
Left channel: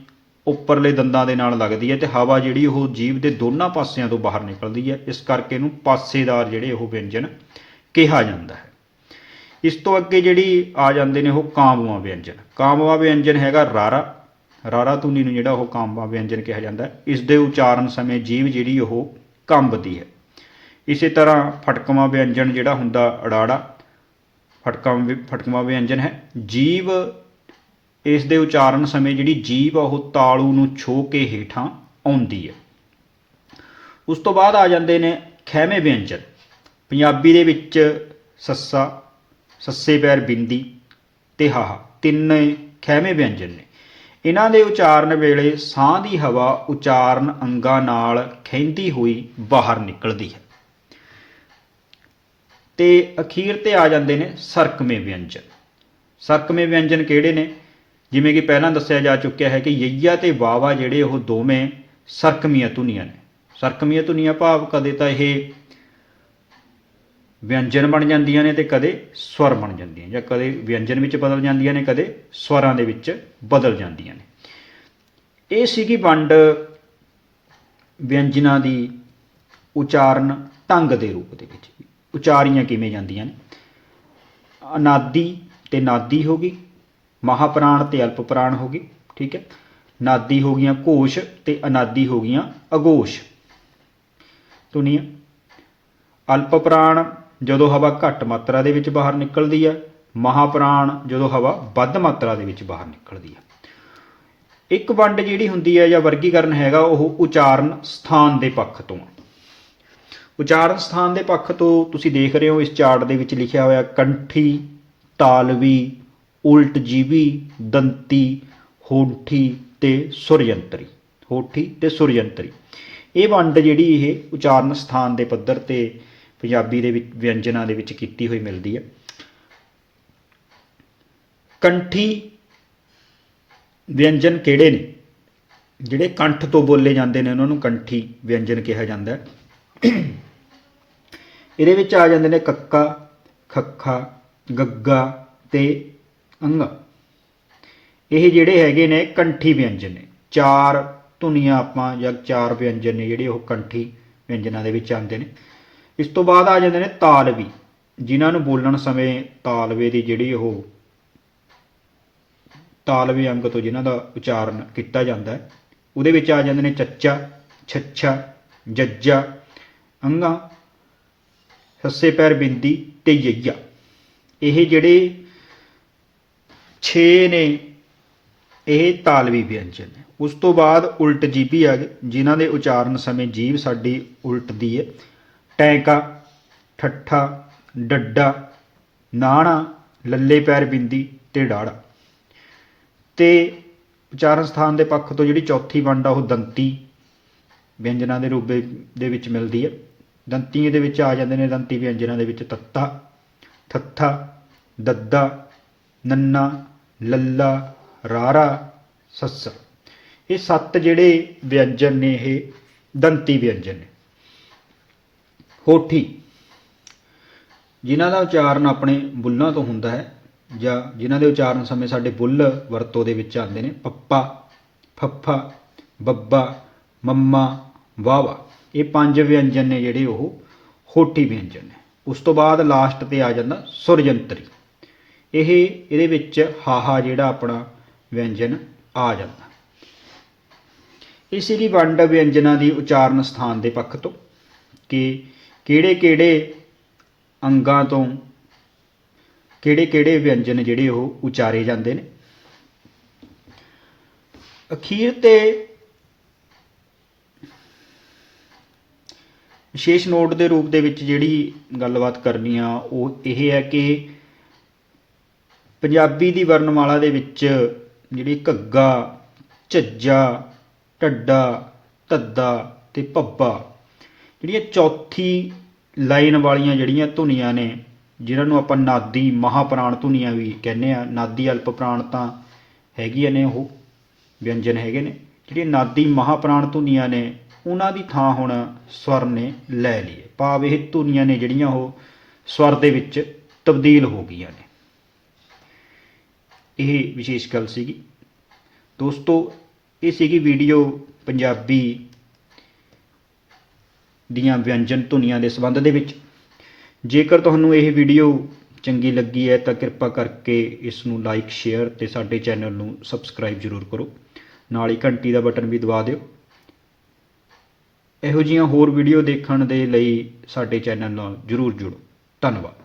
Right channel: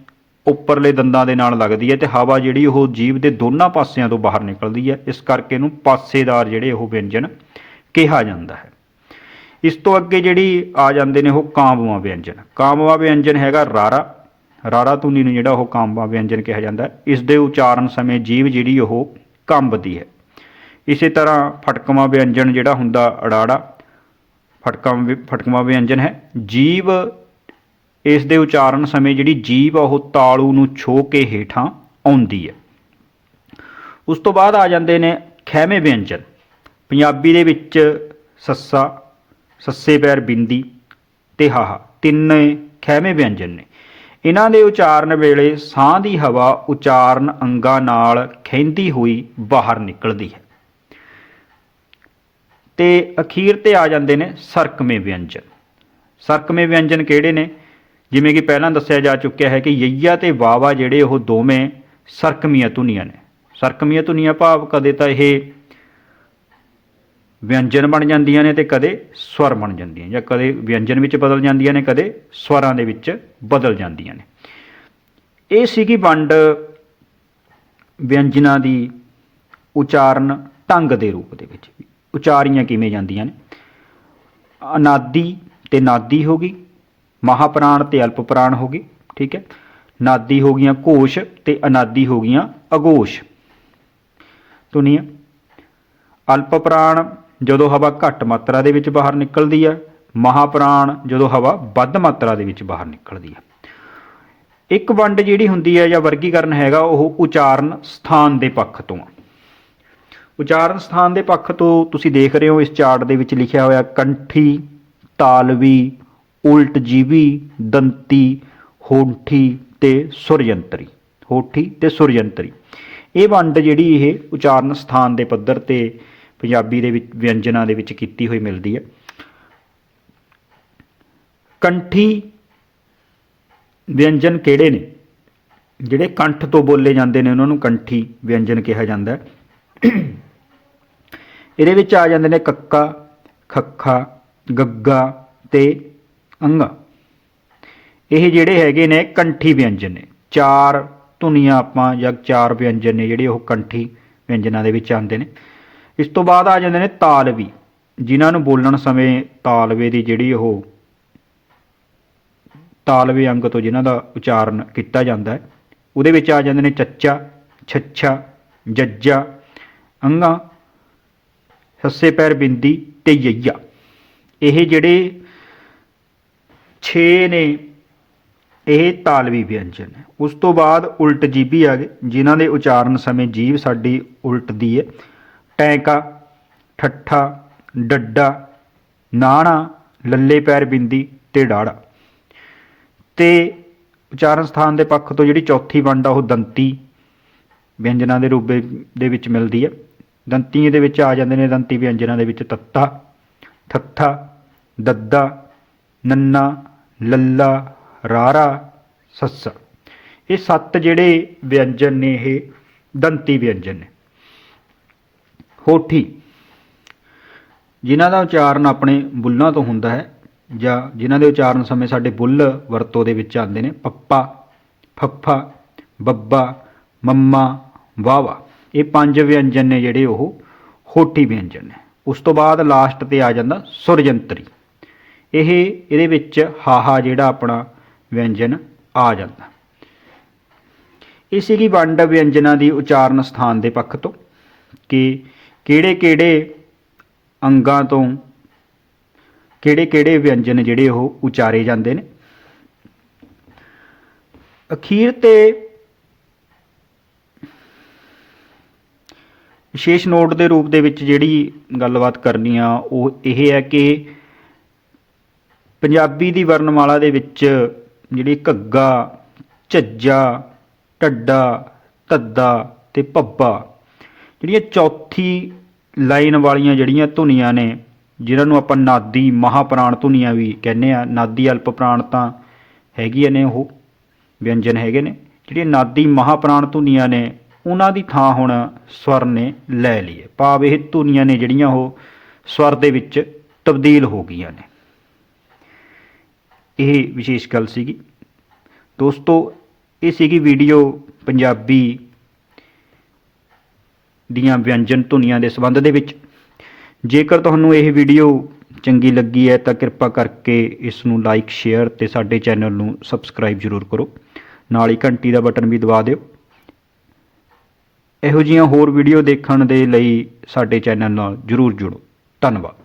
ਉੱਪਰਲੇ ਦੰਦਾਂ ਦੇ ਨਾਲ ਲੱਗਦੀ ਹੈ ਤੇ ਹਵਾ ਜਿਹੜੀ ਉਹ ਜੀਵ ਦੇ ਦੋਨਾਂ ਪਾਸਿਆਂ ਤੋਂ ਬਾਹਰ ਨਿਕਲਦੀ ਹੈ। ਇਸ ਕਰਕੇ ਇਹਨੂੰ ਪਾਸੇਦਾਰ ਜਿਹੜੇ ਉਹ ਵਿਅੰਜਨ ਕਿਹਾ ਜਾਂਦਾ ਹੈ। ਇਸ ਤੋਂ ਅੱਗੇ ਜਿਹੜੀ ਆ ਜਾਂਦੇ ਨੇ ਉਹ ਕਾਂਬਵਾ ਵਿਅੰਜਨ। ਕਾਂਬਵਾ ਵਿਅੰਜਨ ਹੈਗਾ ਰਾਰਾ। ਰਾਰਾ ਧੁਨੀ ਨੂੰ ਜਿਹੜਾ ਉਹ ਕਾਂਬਵਾ ਵਿਅੰਜਨ ਕਿਹਾ ਜਾਂਦਾ। ਇਸ ਦੇ ਉਚਾਰਨ ਸਮੇਂ ਜੀਵ ਜਿਹੜੀ ਉਹ ਕੰਬਦੀ ਹੈ। ਇਸੇ ਤਰ੍ਹਾਂ ਫਟਕਵਾ ਵਿਅੰਜਨ ਜਿਹੜਾ ਹੁੰਦਾ ਅੜਾੜਾ, ਫਟਕਾ ਫਟਕਵਾ ਵਿਅੰਜਨ ਹੈ। ਜੀਵ ਇਸ ਦੇ ਉਚਾਰਨ ਸਮੇਂ ਜਿਹੜੀ ਜੀਵ ਆ ਉਹ ਤਾਲੂ ਨੂੰ ਛੋ ਕੇ ਹੇਠਾਂ ਆਉਂਦੀ ਹੈ। ਉਸ ਤੋਂ ਬਾਅਦ ਆ ਜਾਂਦੇ ਨੇ ਖੈਮੇ ਵਿਅੰਜਨ। ਪੰਜਾਬੀ ਦੇ ਵਿੱਚ ਸੱਸਾ ਸੱਸੇ ਪੈਰ ਬਿੰਦੀ ਤੇ ਹਾਹਾ ਤਿੰਨ ਖਹਿਵੇਂ ਵਿਅੰਜਨ ਨੇ। ਇਹਨਾਂ ਦੇ ਉਚਾਰਨ ਵੇਲੇ ਸਾਹ ਦੀ ਹਵਾ ਉਚਾਰਨ ਅੰਗਾਂ ਨਾਲ ਖੈਂਦੀ ਹੋਈ ਬਾਹਰ ਨਿਕਲਦੀ ਹੈ। ਤੇ ਅਖੀਰ ਤੇ ਆ ਜਾਂਦੇ ਨੇ ਸਰਕਮੇ ਵਿਅੰਜਨ। ਸਰਕਮੇ ਵਿਅੰਜਨ ਕਿਹੜੇ ਨੇ? ਜਿਵੇਂ ਕਿ ਪਹਿਲਾਂ ਦੱਸਿਆ ਜਾ ਚੁੱਕਿਆ ਹੈ ਕਿ ਯਈਆ ਤੇ ਵਾਵਾ ਜਿਹੜੇ ਉਹ ਦੋਵੇਂ ਸਰਕਮੀਆਂ ਧੁਨੀਆਂ ਨੇ। ਸਰਕਮੀਆਂ ਧੁਨੀਆਂ ਭਾਵ ਕਦੇ ਤਾਂ ਇਹ ਵਿਅੰਜਨ ਬਣ ਜਾਂਦੀਆਂ ਨੇ ਤੇ ਕਦੇ ਸਵਰ ਬਣ ਜਾਂਦੀਆਂ ਜਾਂ ਕਦੇ ਵਿਅੰਜਨ ਵਿੱਚ ਬਦਲ ਜਾਂਦੀਆਂ ਨੇ, ਕਦੇ ਸਵਰਾਂ ਦੇ ਵਿੱਚ ਬਦਲ ਜਾਂਦੀਆਂ ਨੇ। ਇਹ ਸੀਗੀ ਵੰਡ ਵਿਅੰਜਨਾਂ ਦੀ ਉਚਾਰਨ ਢੰਗ ਦੇ ਰੂਪ ਦੇ ਵਿੱਚ। ਉਚਾਰੀਆਂ ਕਿਵੇਂ ਜਾਂਦੀਆਂ ਨੇ? ਅਨਾਦੀ ਤੇ ਨਾਦੀ ਹੋ ਗਈ, ਮਹਾਪ੍ਰਾਣ ਤੇ ਅਲਪ ਪ੍ਰਾਣ ਹੋ ਗਈ, ਠੀਕ ਹੈ? ਨਾਦੀ ਹੋ ਗਈਆਂ ਘੋਸ਼ ਤੇ ਅਨਾਦੀ ਹੋ ਗਈਆਂ ਅਗੋਸ਼। ਧੁਨੀਆਂ ਅਲਪ ਪ੍ਰਾਣ ਜਦੋਂ ਹਵਾ ਘੱਟ ਮਾਤਰਾ ਦੇ ਵਿੱਚ ਬਾਹਰ ਨਿਕਲਦੀ ਹੈ, ਮਹਾਪ੍ਰਾਣ ਜਦੋਂ ਹਵਾ ਵੱਧ ਮਾਤਰਾ ਦੇ ਵਿੱਚ ਬਾਹਰ ਨਿਕਲਦੀ ਹੈ ਇੱਕ ਵੰਡ ਜਿਹੜੀ ਹੁੰਦੀ ਹੈ ਜਾਂ ਵਰਗੀਕਰਨ ਹੈਗਾ, ਉਹ ਉਚਾਰਨ ਸਥਾਨ ਦੇ ਪੱਖ ਤੋਂ ਆ। ਉਚਾਰਨ ਸਥਾਨ ਦੇ ਪੱਖ ਤੋਂ ਤੁਸੀਂ ਦੇਖ ਰਹੇ ਹੋ, ਇਸ ਚਾਰਟ ਦੇ ਵਿੱਚ ਲਿਖਿਆ ਹੋਇਆ ਕੰਠੀ, ਤਾਲਵੀ ਉਲਟ ਜੀਵੀ ਦੰਤੀ, ਹੋਠੀ ਤੇ ਸੁਰਯੰਤਰੀ, ਹੋਠੀ ਤੇ ਸੁਰਯੰਤਰੀ ਇਹ ਵੰਡ ਜਿਹੜੀ ਇਹ ਉਚਾਰਨ ਸਥਾਨ ਦੇ ਪੱਧਰ ਤੇ ਪੰਜਾਬੀ ਦੇ ਵਿੱਚ, ਵਿਅੰਜਨਾਂ ਦੇ ਵਿੱਚ ਕੀਤੀ ਹੋਈ ਮਿਲਦੀ ਹੈ। ਕੰਠੀ ਵਿਅੰਜਨ ਕਿਹੜੇ ਨੇ? ਜਿਹੜੇ ਕੰਠ ਤੋਂ ਬੋਲੇ ਜਾਂਦੇ ਨੇ, ਉਹਨਾਂ ਨੂੰ ਕੰਠੀ ਵਿਅੰਜਨ ਕਿਹਾ ਜਾਂਦਾ ਹੈ। ਇਹਦੇ ਵਿੱਚ ਆ ਜਾਂਦੇ ਨੇ ਕੱਕਾ, ਖੱਖਾ, ਗੱਗਾ ਤੇ ਅੰਗਾ। ਇਹ ਜਿਹੜੇ ਹੈਗੇ ਨੇ ਕੰਠੀ ਵਿਅੰਜਨ ਨੇ। ਚਾਰ ਧੁਨੀਆਂ ਆਪਾਂ ਜਾਂ ਚਾਰ ਵਿਅੰਜਨ ਨੇ ਜਿਹੜੇ ਉਹ ਕੰਠੀ ਵਿਅੰਜਨਾਂ ਦੇ ਵਿੱਚ ਆਉਂਦੇ ਨੇ। ਇਸ ਤੋਂ ਬਾਅਦ ਆ ਜਾਂਦੇ ਨੇ ਤਾਲਵੀ, ਜਿਨ੍ਹਾਂ ਨੂੰ ਬੋਲਣ ਸਮੇਂ ਤਾਲਵੇ ਦੀ ਜਿਹੜੀ ਉਹ ਤਾਲਵੇ ਅੰਗ ਤੋਂ ਜਿਨ੍ਹਾਂ ਦਾ ਉਚਾਰਨ ਕੀਤਾ ਜਾਂਦਾ ਹੈ, ਉਹਦੇ ਵਿੱਚ ਆ ਜਾਂਦੇ ਨੇ ਚੱਚਾ, ਛੱਛਾ, ਜੱਜਾ, ਅੰਗਾ, ਸੱਸੇ ਪੈਰ ਬਿੰਦੀ ਤੇ ਯਈਆ। ਇਹ ਜਿਹੜੇ 6 ਨੇ, ਇਹ ਤਾਲਵੀ ਵਿਅੰਜਨ ਉਸ ਤੋਂ ਬਾਅਦ ਉਲਟ ਜੀਭੀ ਆ ਗਏ, ਜਿਨ੍ਹਾਂ ਦੇ ਉਚਾਰਨ ਸਮੇਂ ਜੀਭ ਸਾਡੀ ਉਲਟਦੀ ਹੈ। ਟੈਂਕਾ ਠੱਠਾ, ਡੱਡਾ, ਨਾਣਾ, ਲੱਲੇ ਪੈਰ ਬਿੰਦੀ ਤੇ ਡਾੜਾ। ਤੇ ਉਚਾਰਨ ਸਥਾਨ ਦੇ ਪੱਖ ਤੋਂ ਜਿਹੜੀ ਚੌਥੀ ਵੰਡ ਆ, ਉਹ ਦੰਤੀ ਵਿਅੰਜਨਾਂ ਦੇ ਰੂਪ ਦੇ- ਦੇ ਵਿੱਚ ਮਿਲਦੀ ਹੈ ਦੰਤੀ ਦੇ ਵਿੱਚ ਆ ਜਾਂਦੇ ਨੇ, ਦੰਤੀ ਵਿਅੰਜਨਾਂ ਦੇ ਵਿੱਚ ਤੱਤਾ ਥੱਥਾ ਦੱਦਾ, ਨੰਨਾ, ਲੱਲਾ, ਰਾਰਾ, ਸੱਸਾ। ਇਹ ਸੱਤ ਜਿਹੜੇ ਵਿਅੰਜਨ ਨੇ ਇਹ ਦੰਤੀ ਵਿਅੰਜਨ ਨੇ। ਹੋਠੀ। ਜਿਨ੍ਹਾਂ ਦਾ ਉਚਾਰਨ ਆਪਣੇ ਬੁੱਲਾਂ ਤੋਂ ਹੁੰਦਾ ਹੈ ਜਾਂ ਜਿਨ੍ਹਾਂ ਦੇ ਉਚਾਰਨ ਸਮੇਂ ਸਾਡੇ ਬੁੱਲ ਵਰਤੋਂ ਦੇ ਵਿੱਚ ਆਉਂਦੇ ਨੇ, ਪੱਪਾ, ਫੱਫਾ, ਬੱਬਾ, ਮੰਮਾ ਵਾਵਾ ਇਹ ਪੰਜ ਵਿਅੰਜਨ ਨੇ ਜਿਹੜੇ ਉਹ ਹੋਠੀ ਵਿਅੰਜਨ ਨੇ। ਉਸ ਤੋਂ ਬਾਅਦ ਲਾਸਟ ਤੇ ਆ ਜਾਂਦਾ ਸੁਰਜੰਤਰੀ। ਇਹ, ਇਹਦੇ ਵਿੱਚ ਹਾਹਾ ਜਿਹੜਾ ਆਪਣਾ ਵਿਅੰਜਨ ਆ ਜਾਂਦਾ। ਇਹ ਸੀਗੀ ਵੰਡ ਵਿਅੰਜਨਾਂ ਦੀ ਉਚਾਰਨ ਸਥਾਨ ਦੇ ਪੱਖ ਤੋਂ ਕਿ ਕਿਹੜੇ ਕਿਹੜੇ ਅੰਗਾਂ ਤੋਂ ਕਿਹੜੇ ਕਿਹੜੇ ਵਿਅੰਜਨ ਜਿਹੜੇ ਉਹ ਉਚਾਰੇ ਜਾਂਦੇ ਨੇ? ਅਖੀਰ ਤੇ ਵਿਸ਼ੇਸ਼ ਨੋਟ ਦੇ ਰੂਪ ਦੇ ਵਿੱਚ ਜਿਹੜੀ ਗੱਲਬਾਤ ਕਰਨੀ ਆ, ਉਹ ਇਹ ਹੈ ਕਿ ਪੰਜਾਬੀ ਦੀ ਵਰਣਮਾਲਾ ਦੇ ਵਿੱਚ ਜਿਹੜੀ ਘੱਗਾ ਝੱਜਾ ਢੱਡਾ, ਧੱਦਾ ਤੇ ਭੱਬਾ ਜਿਹੜੀਆਂ ਚੌਥੀ ਲਾਈਨ ਵਾਲੀਆਂ ਜਿਹੜੀਆਂ ਧੁਨੀਆਂ ਨੇ, ਜਿਨ੍ਹਾਂ ਨੂੰ ਆਪਾਂ ਨਾਦੀ ਮਹਾਪ੍ਰਾਣ ਧੁਨੀਆਂ ਵੀ ਕਹਿੰਦੇ ਆ, ਨਾਦੀ ਅਲਪ ਪ੍ਰਾਣ ਤਾਂ ਹੈਗੀਆਂ ਨੇ ਉਹ, ਵਿਅੰਜਨ ਹੈਗੇ ਨੇ, ਜਿਹੜੀਆਂ ਨਾਦੀ ਮਹਾਪ੍ਰਾਣ ਧੁਨੀਆਂ ਨੇ, ਉਹਨਾਂ ਦੀ ਥਾਂ ਹੁਣ ਸਵਰ ਨੇ ਲੈ ਲਈ ਹੈ ਭਾਵ ਇਹ ਧੁਨੀਆਂ ਨੇ ਜਿਹੜੀਆਂ ਉਹ ਸਵਰ ਦੇ ਵਿੱਚ ਤਬਦੀਲ ਹੋ ਗਈਆਂ ਨੇ। ਇਹ ਵਿਸ਼ੇਸ਼ ਗੱਲ ਸੀਗੀ। ਦੋਸਤੋ, ਇਹ ਸੀਗੀ ਵੀਡੀਓ ਪੰਜਾਬੀ ਦੀਆਂ ਵਿਅੰਜਨ ਧੁਨੀਆਂ ਦੇ ਸੰਬੰਧ ਦੇ ਵਿੱਚ। ਜੇਕਰ ਤੁਹਾਨੂੰ ਇਹ ਵੀਡੀਓ ਚੰਗੀ ਲੱਗੀ ਹੈ, ਤਾਂ ਕਿਰਪਾ ਕਰਕੇ ਇਸ ਨੂੰ ਲਾਈਕ ਸ਼ੇਅਰ ਤੇ ਸਾਡੇ ਚੈਨਲ ਨੂੰ ਸਬਸਕ੍ਰਾਈਬ ਜ਼ਰੂਰ ਕਰੋ। ਨਾਲ ਹੀ ਘੰਟੀ ਦਾ ਬਟਨ ਵੀ ਦਬਾ ਦਿਓ। ਇਹੋ ਜਿਹੀਆਂ ਹੋਰ ਵੀਡੀਓ ਦੇਖਣ ਦੇ ਲਈ ਸਾਡੇ ਚੈਨਲ ਨਾਲ ਜ਼ਰੂਰ ਜੁੜੋ। ਧੰਨਵਾਦ।